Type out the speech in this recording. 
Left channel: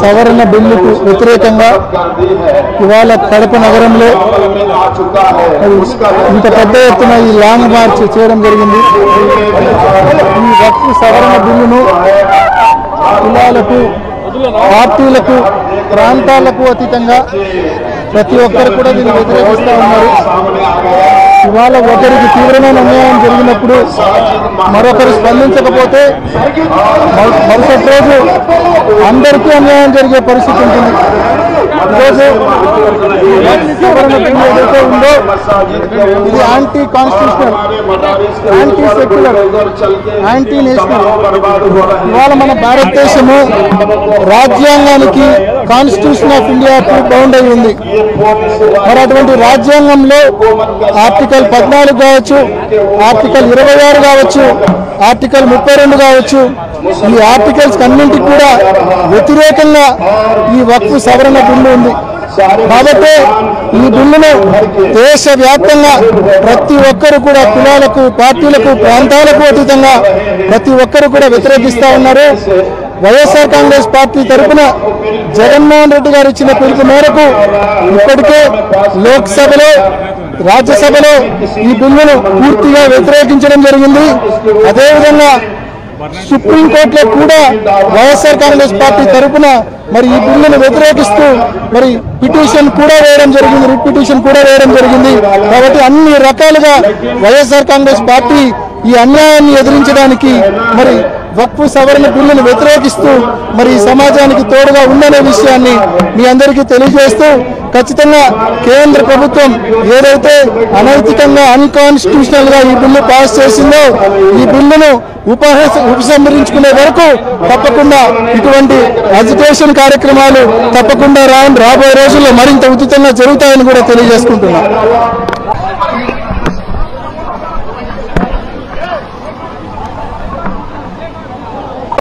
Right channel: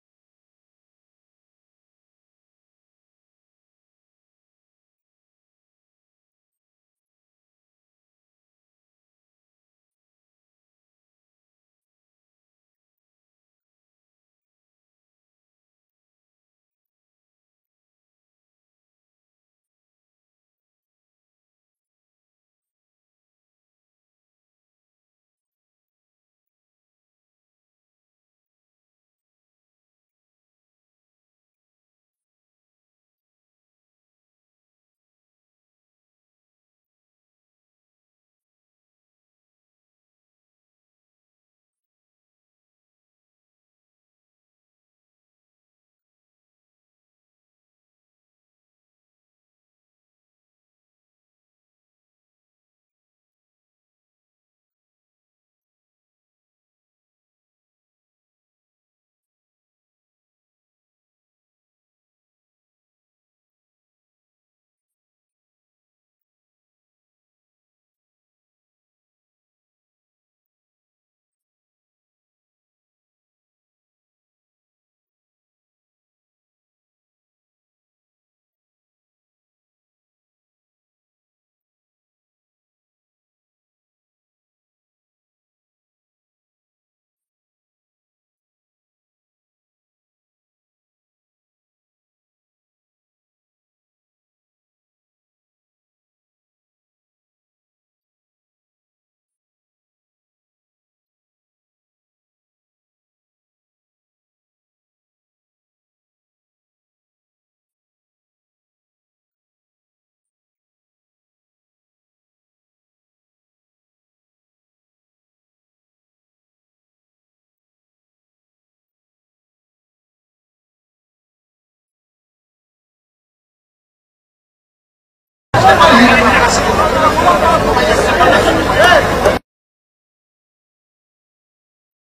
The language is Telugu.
సవరణ బిల్లుకు వ్యతిరేకంగా ఇవాళ కడప నగరంలో ఇంత పెద్ద ఎత్తున ఈ లాంగ్ మార్చ్ చేయడం జరిగింది. ఈ వక్ఫ్ సవరణ బిల్లును కులాలకు, పార్టీలకు, ప్రాంతాలకు అతీతంగా ప్రతి ఒక్కరు కూడా దీన్ని వ్యతిరేకిస్తూ ఉన్నారు. ఇవాళ ఒకరికి తీవ్రమైన అన్యాయం జరిగినప్పుడు మరొకరు స్పందించకపోతే మరుసటి రోజు అందరికీ అన్యాయం జరిగే పరిస్థితి ఉంటుంది. ఈరోజు సవరణ బిల్లు ఏదైతే ఉందో ఇది anti constitutional, anti secular, anti national. ఇవాళ మన భారతదేశము రాజ్యాంగానికి, కాన్స్టిట్యూషన్ ఆఫ్ ఇండియాకు బౌండ్ అయి ఉంది. మరి అటువంటి రాజ్యాంగంలో ఆర్టికల్ 14 కావచ్చు, ఆర్టికల్ 26 కావచ్చు, ఆర్టికల్ 32 కావచ్చు, ఈ ఆర్టికల్స్ అన్నింటికి కూడా వ్యతిరేకంగా ఈ వక్ఫ్ సవరణ బిల్లు ఉంది. కాబట్టి ఈ బిల్లును దేశవ్యాప్తంగా ప్రతి ఒక్కరు కూడా కులాలకు, పార్టీలకు, ప్రాంతాలకు అతీతంగా ప్రతి ఒక్కరు కూడా వ్యతిరేకిస్తూ ఉన్నారు. వైఎస్ఆర్ కాంగ్రెస్ పార్టీ తరఫున జగన్మోహన్ రెడ్డి గారు ఇచ్చిన పిలుపు మేరకు ఇప్పటికే లోక్సభలో, రాజ్యసభలో ఈ బిల్లును పూర్తిగా వ్యతిరేకించడం జరిగింది. అదేవిధంగా సుప్రీంకోర్టులో కూడా వైఎస్ఆర్ కాంగ్రెస్ పార్టీ తరఫున మరి ఈ బిల్లును వ్యతిరేకిస్తూ మరి పిటిషన్ కూడా వేయడం జరిగింది, రిట్ పిటిషన్ కూడా వేయడం జరిగింది. కాబట్టి అన్ని రకాలుగా వైఎస్ఆర్ కాంగ్రెస్ పార్టీ ఈ అన్యాయాన్ని ఎదిరించడానికి మరి వక్ఫ్ సవరణ బిల్లును వ్యతిరేకిస్తూ మరి సమాజానికి తోడుగా ఉందనే విషయాన్ని మీ అందరికీ తెలియజేస్తూ, ఖచ్చితంగా కేంద్ర ప్రభుత్వం ఏదైతే అనైతికంగా, అన్కాన్స్టిట్యూషనల్ గా ఈ బిల్లు పాస్ చేసిందో ఈ బిల్లును ఉపసంహరించుకునే వరకు తప్పకుండా ఇటువంటి అజిటేషన్ కార్యక్రమాలు తప్పకుండా రాబోయే రోజుల్లో మరింత ఉచితంగా జరుగుతాయని కూడా తెలియజేసుకుంటున్నాం.